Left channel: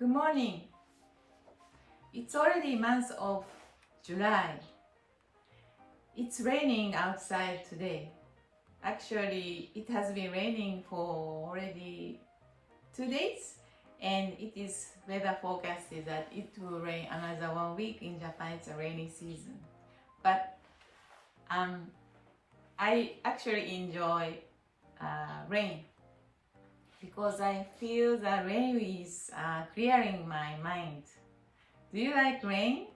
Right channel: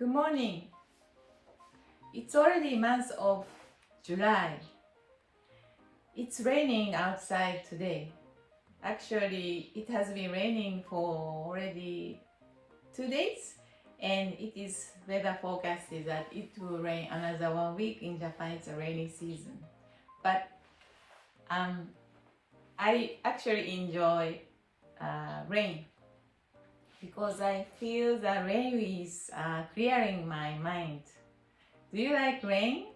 Good morning. It's already month of July. It's raining outside today. Actually, it has been raining for already 2 days, and it is weather forecast is that it will rain another 1 week. In Japan, it's a rainy season. But I actually enjoy rain because I feel that rain is clearing my mind. Do you like rain?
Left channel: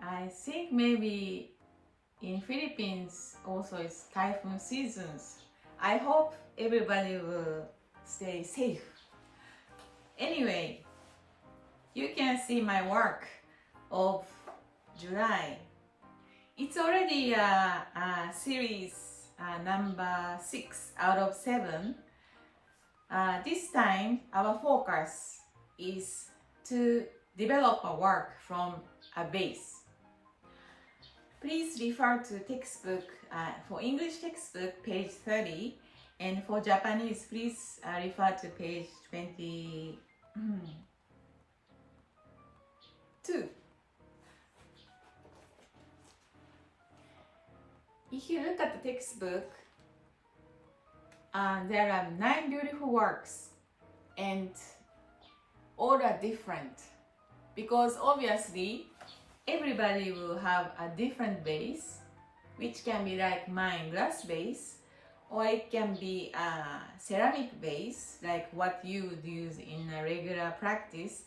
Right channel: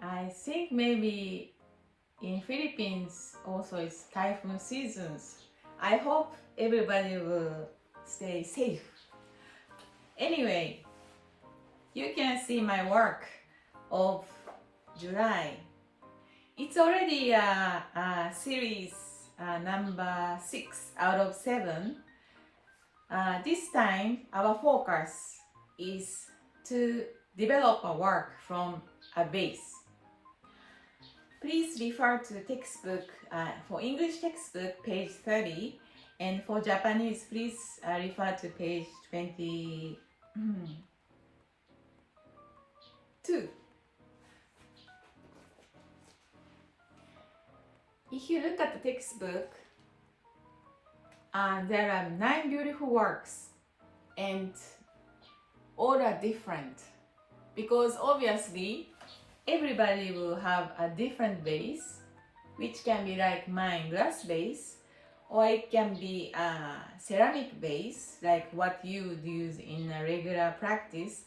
I think maybe in Philippines also it's typhoon seasons. I hope everybody will stay safe. Anyway, you can see my work of July. It's already a series number 6 out of 7. This time our focus is to develop a work from a base. Please refer to textbook, for English textbook, page 30, and for Japanese, please refer to page 22. If you look at the textbook, there are 9 beautiful works, and all are different because obviously everybody will have a different base, which can be like mine, glass base, or it can be a ceramic base, like what you would use in a regular practice.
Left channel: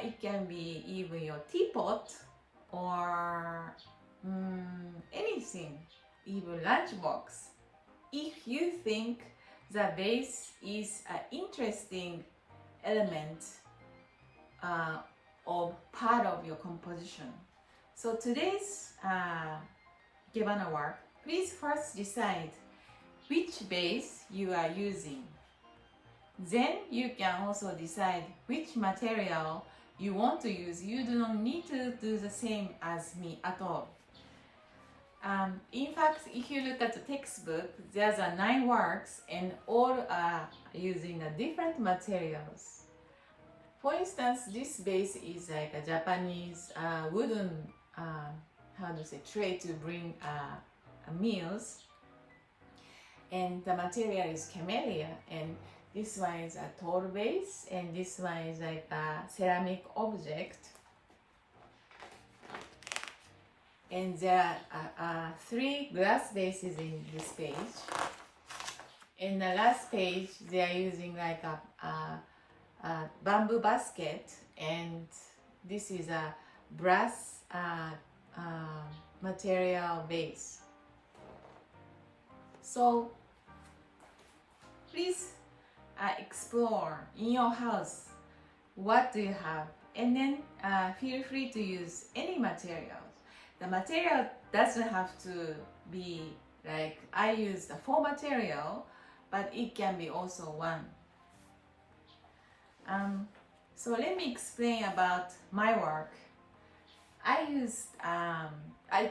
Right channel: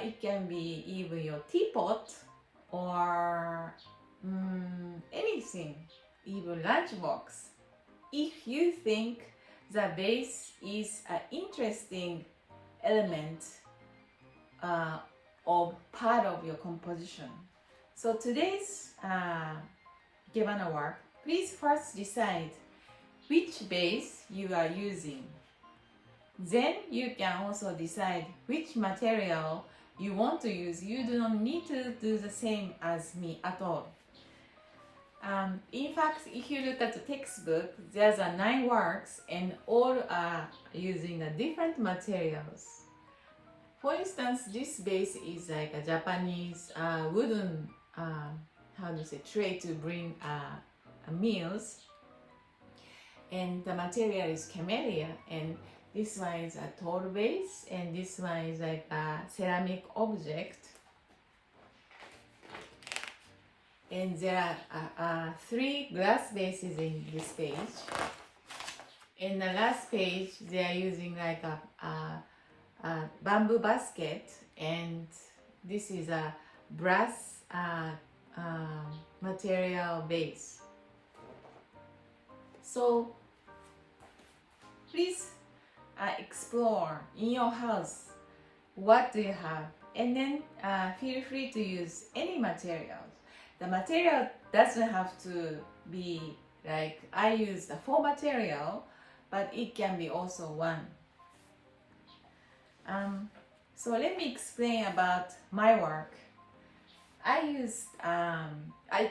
It can be even your teapot or anything, even lunchbox. If you think the base is an interesting element of part of your composition. So today's ikebana work, please first decide which base you are using. Then you can also decide which material you want to use. You do not need to do the same as me at all. In fact, if you look at the textbook, there's 9 works and all are using different materials. For instance, this base is like a Japanese wooden tray to bring meals, and the material is camellia, and this one is a tall base, and this one is like a ceramic object. And there are 3 glass bases in this page. In the last page, they are using like a bamboo basket, and this is a brass material base. So please explore in your house what do you have, and then feel free to use any materials. The material doesn't have to be like I used 4 material, but it can be also 1. So let me explain about my work. I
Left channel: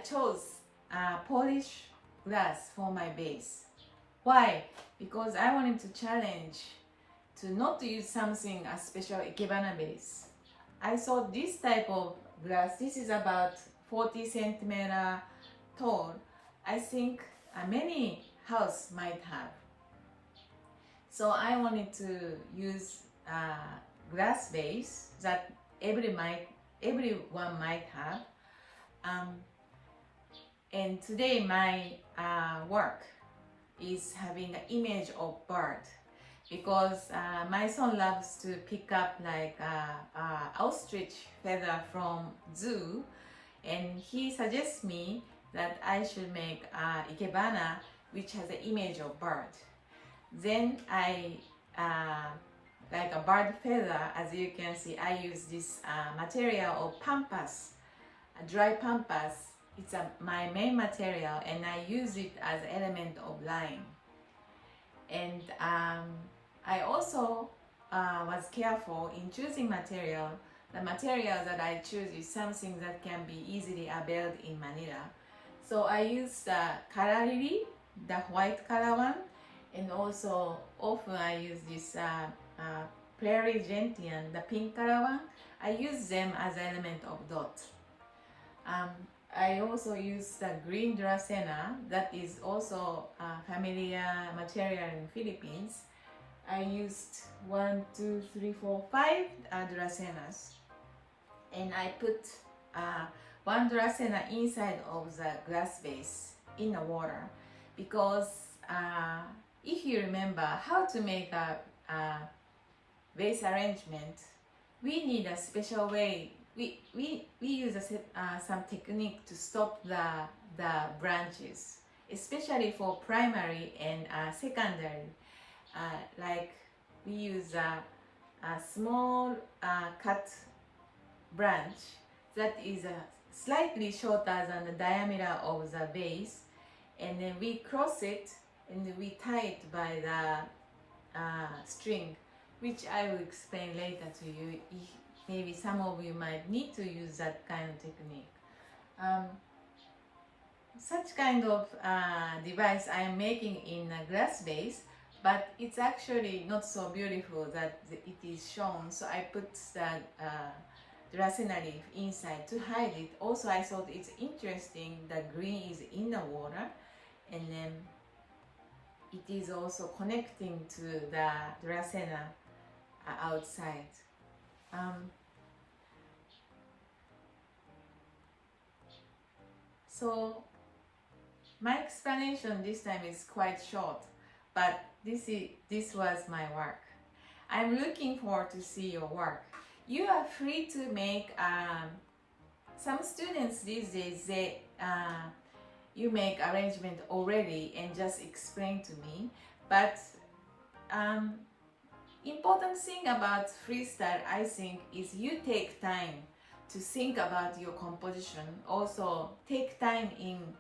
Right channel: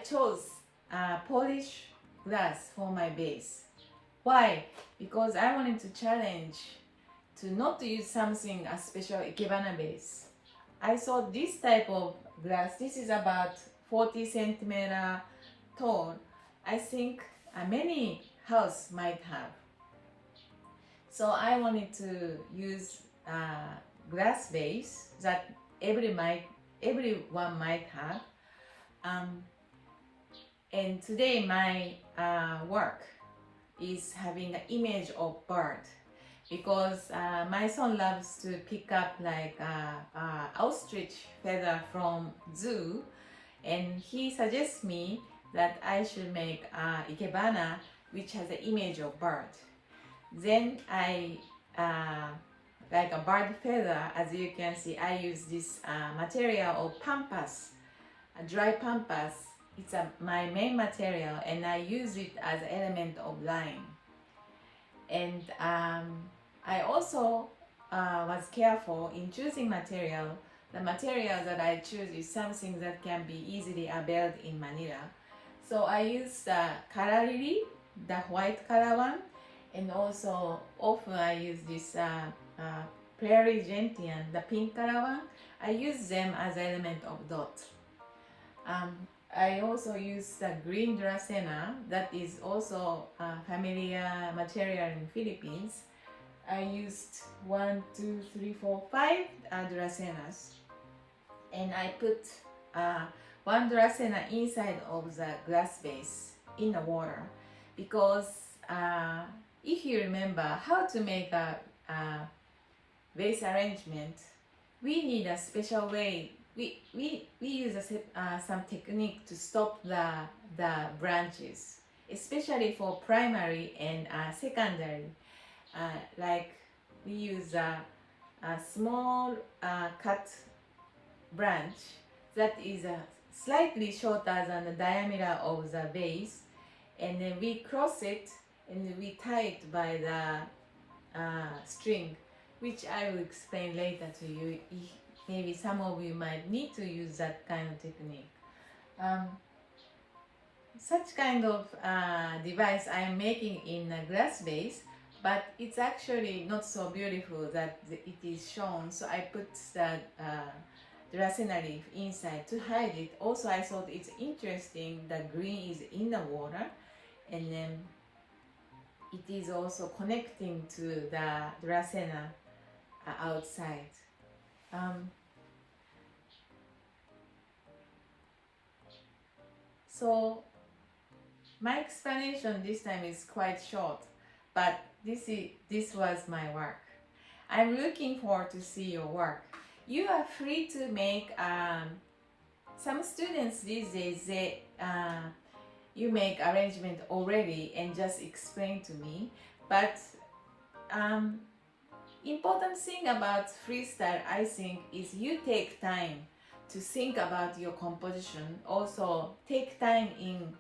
chose polished glass for my base. Why? Because I wanted to challenge to not use something a special ikebana base. I saw this type of glass. This is about 40 centimeter tall. I think many house might have. So I wanted to use glass base that everyone might have. And today my work is having an image of bird, because my son loves to pick up like ostrich feather from zoo, and he suggests me that I should make ikebana which has an image of bird. Then I like a bird feather, as you can see, I use this material of pampas, a dry pampas. It's my main material, and I use it as an element of line. And I also was careful in choosing material. The material that I choose is something that can be easily availed in Manila. So I use the kara lily, the white color one, and also often I use this prairie gentian, the pink color one, I use them as element of dot. I also use the green dracena, that is also a familiar material in Philippines. I used 1, 2, 3, 4, 5 dracenas, and I put one dracena inside of the glass vase in the water, because if you remember how to make a vase arrangement, we need a special way. We use some technique to stop the branches, especially for primary and secondary. Like we use a small cut branch that is slightly shorter than the diameter of the vase, and then we cross it and we tie it by the string, which I will explain later to you. Maybe some of you might need to use that kind of technique. Such kind of device I am making in a glass vase, but it's actually not so beautiful that it is shown, so I put the dracena leaf inside to hide it. Also, I thought it's interesting that green is in the water, and then it is also connecting to the dracena outside. So my explanation this time is quite short, but this was my work. I'm looking forward to see your work. You are free to make some students these days, you make arrangement already and just explain to me, but important thing about freestyle, I think, is you take time to think about your composition. Also take time in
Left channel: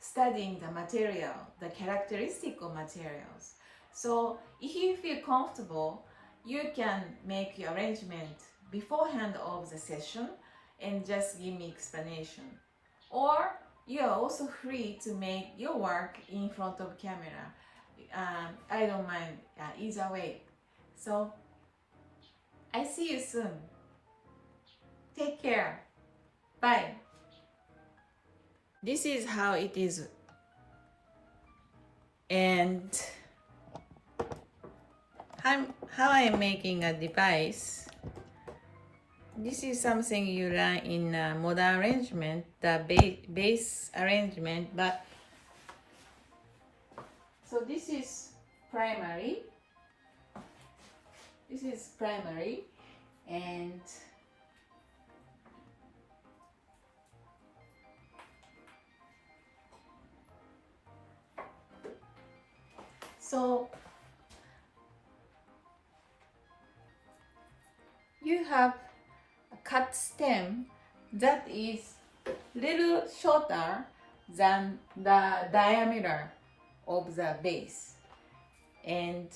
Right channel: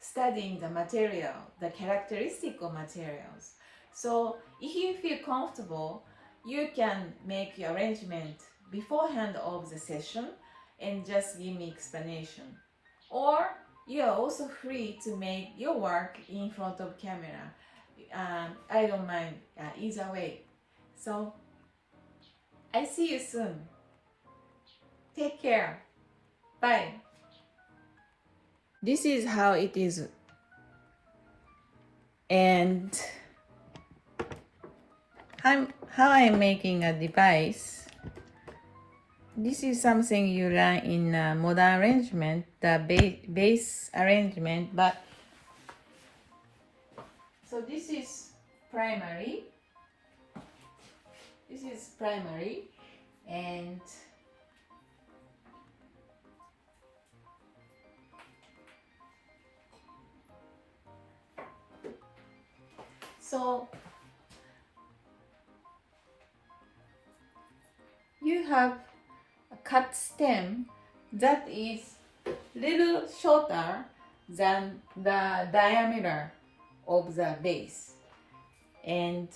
studying the material, the characteristic of materials. So if you feel comfortable, you can make your arrangement beforehand of the session and just give me explanation. Or you are also free to make your work in front of camera. I don't mind either way. So I see you soon. Take care. Bye. This is how it is. And how I'm making a device. This is something you learn in modern arrangement, the base arrangement, but so this is primary. This is primary, and so you have a cut stem that is little shorter than the diameter of the base, and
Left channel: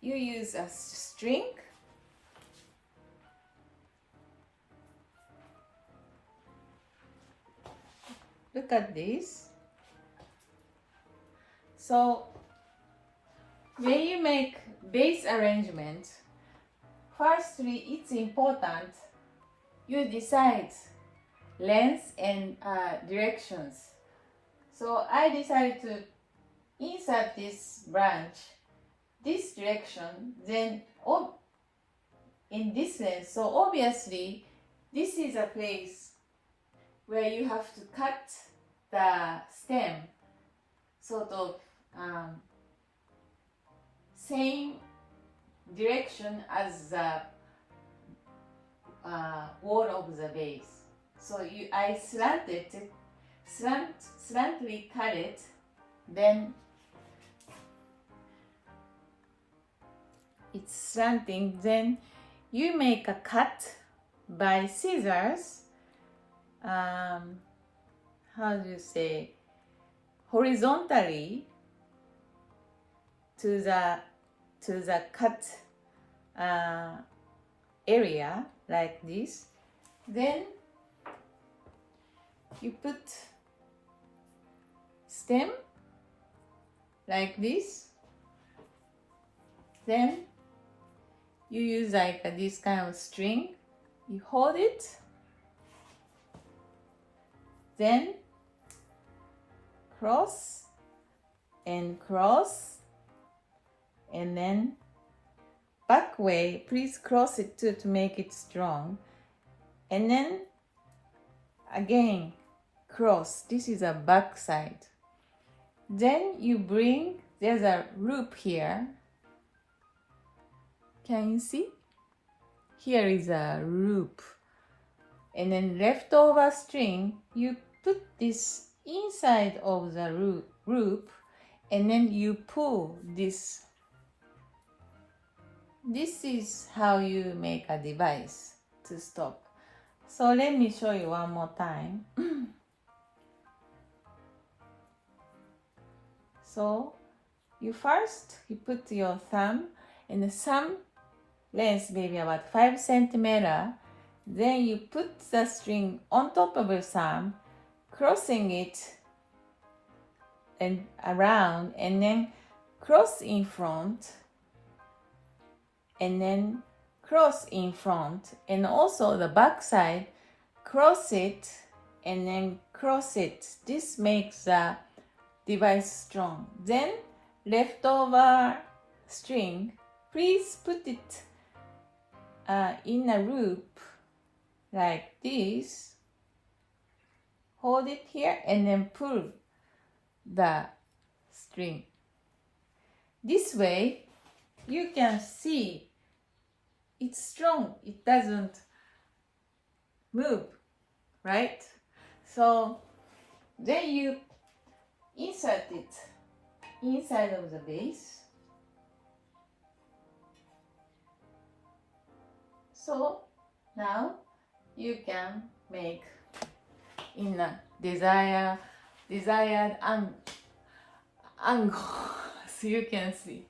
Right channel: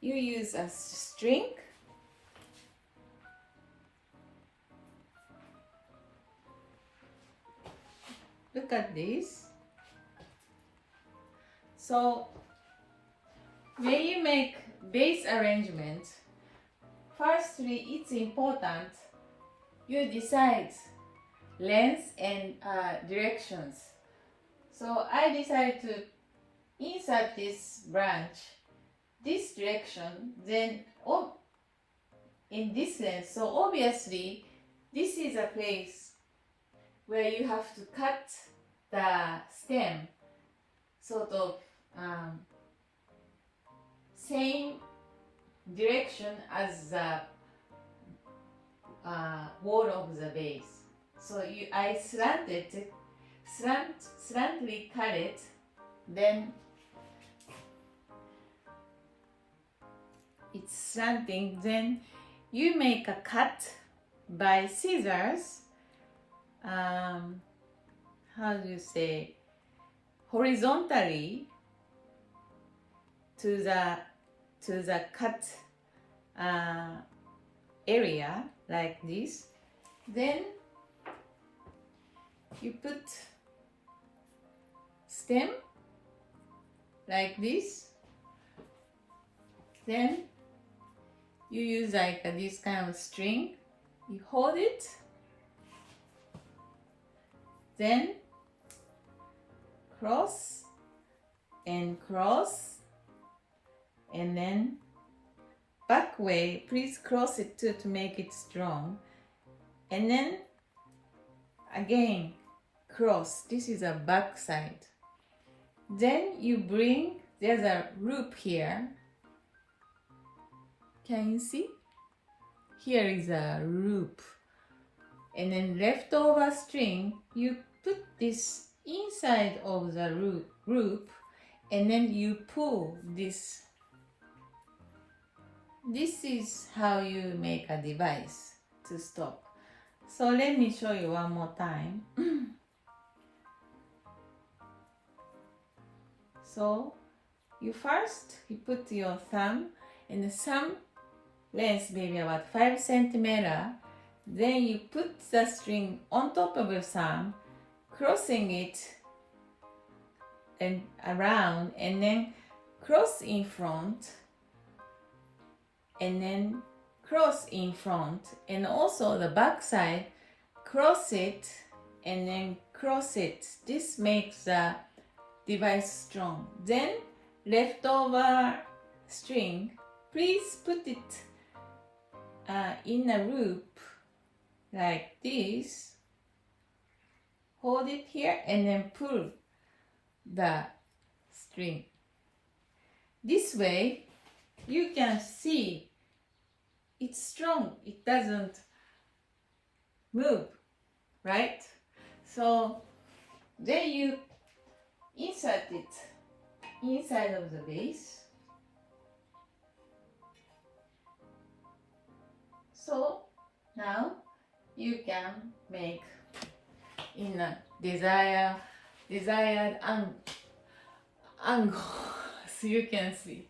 you use a string. Look at this. So when you make base arrangement, firstly it's important you decide length and directions. So I decided to insert this branch this direction, then in this length. So obviously this is a place where you have to cut the stem sort of same direction as the wall of the base. So I slanted slantly cut it, then it's slanting, then you make a cut by scissors, how do you say, horizontally to the cut area like this. Then you put stem like this, Then you use like this kind of string. You hold it, then cross and cross, and then back way. Please cross it too to make it strong, and then again cross. This is a back side. Then you bring, there's a loop here. Can you see? Here is a loop. And then leftover string, you put this inside of the loop, and then you pull this. This is how you make a device to stop. So let me show you one more time. So you put your thumb, and the thumb length maybe about 5 centimeter. Then you put the string on top of your thumb, crossing it and around, and then cross in front, and then cross in front, and also the back side, cross it and then cross it. This makes the device strong. Then leftover string, please put it in a loop like this. Hold it here and then pull the string. This way you can see it's strong, it doesn't move, right? So then you insert it inside of the vase. So now you can make in a desired angle. So you can see.